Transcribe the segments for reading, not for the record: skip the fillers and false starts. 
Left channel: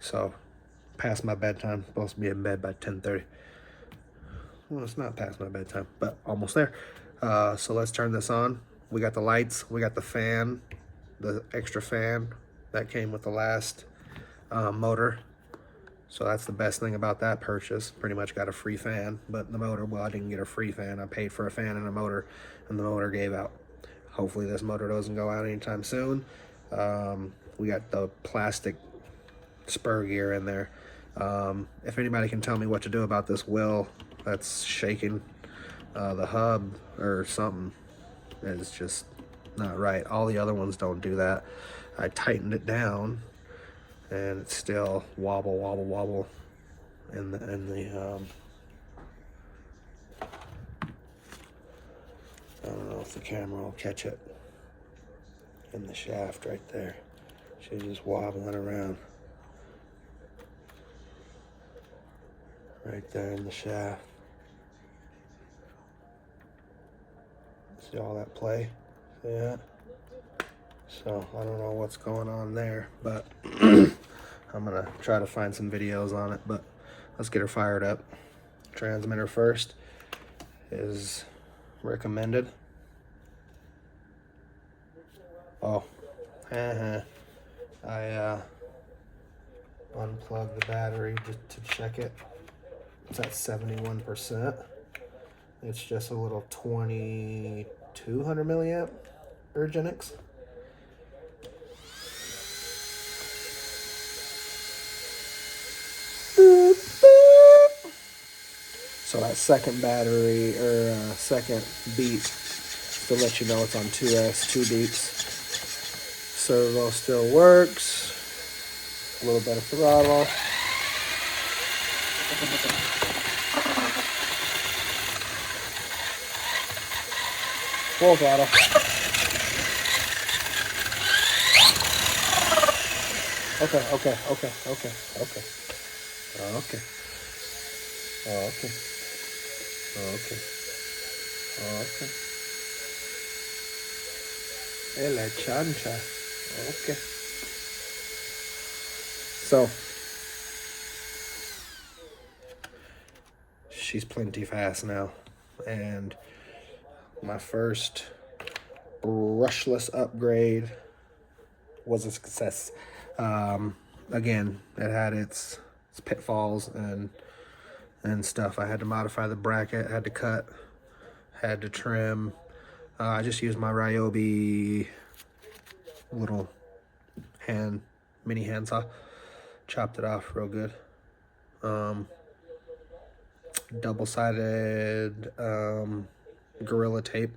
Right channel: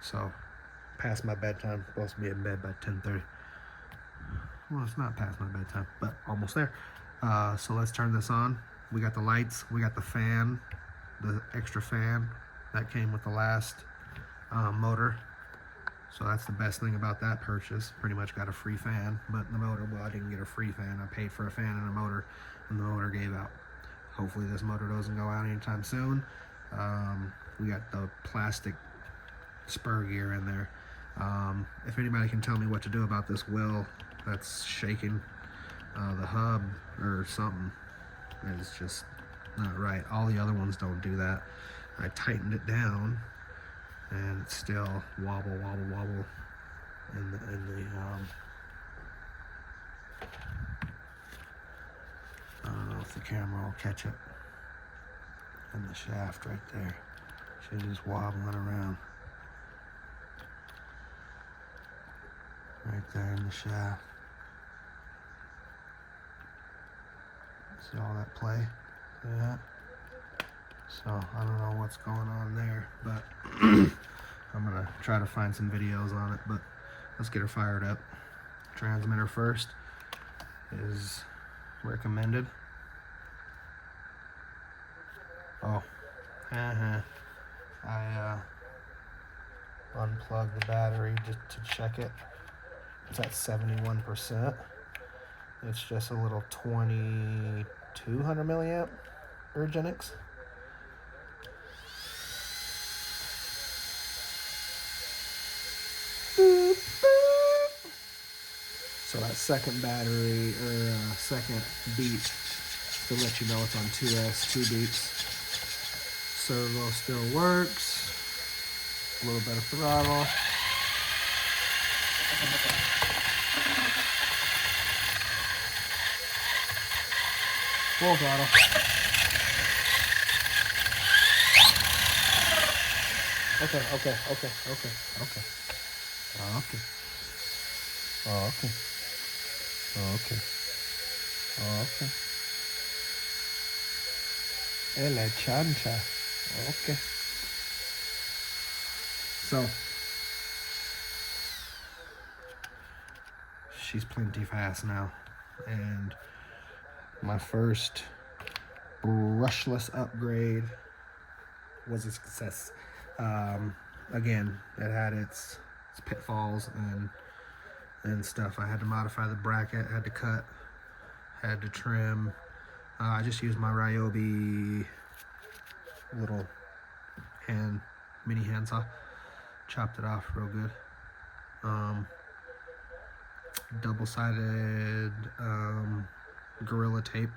So, past my bedtime. Supposed to be in bed by 10:30. Well, it's not past my bedtime, but almost there. So let's turn this on. We got the lights. We got the fan, the extra fan that came with the last motor. So that's the best thing about that purchase. Pretty much got a free fan, but the motor, well, I didn't get a free fan. I paid for a fan and a motor, and the motor gave out. Hopefully this motor doesn't go out anytime soon. We got the plastic spur gear in there. If anybody can tell me what to do about this wheel that's shaking, the hub or something is just not right. All the other ones don't do that. I tightened it down and it's still wobble in the I don't know if the camera will catch it in the shaft right there. She's just wobbling around right there in the shaft. See all that play? Yeah. So I don't know what's going on there, but I'm gonna try to find some videos on it. But let's get her fired up. Transmitter first is recommended. Oh, I unplugged the battery just to check it. It's at 71%. It's just a little 2200 milliamp Virginix. So that second battery or second beat to let you know it's on 2S, 2 beats. Servo still works. A little bit of throttle. Full throttle. Okay. La chancha. Okay. So, she's plenty fast now. And my first brushless upgrade was a success. Again, it had its pitfalls and stuff. I had to modify the bracket, had to cut, had to trim. I just used my Ryobi little mini handsaw, chopped it off real good. Double-sided Gorilla tape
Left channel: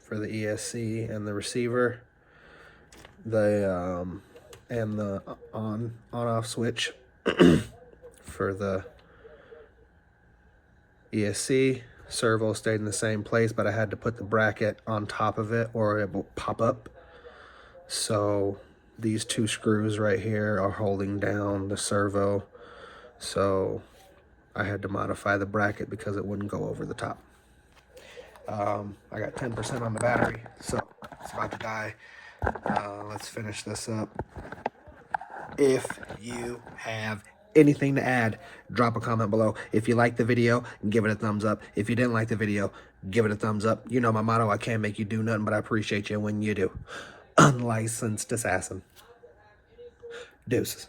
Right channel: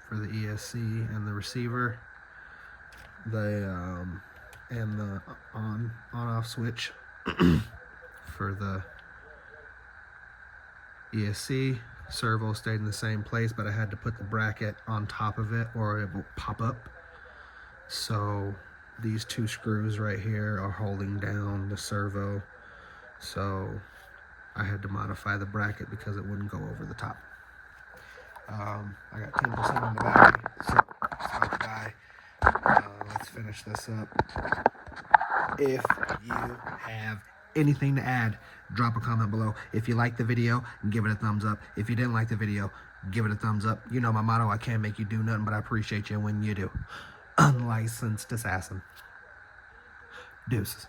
for the ESC and the receiver, and the on-off switch for the ESC. Servo stayed in the same place, but I had to put the bracket on top of it or it will pop up. So these two screws right here are holding down the servo. So I had to modify the bracket because it wouldn't go over the top. I got 10% on the battery, so it's about to die. Let's finish this up. If you have anything to add, drop a comment below. If you like the video, give it a thumbs up. If you didn't like the video, give it a thumbs up. You know my motto, I can't make you do nothing, but I appreciate you when you do. Unlicensed assassin. Deuces.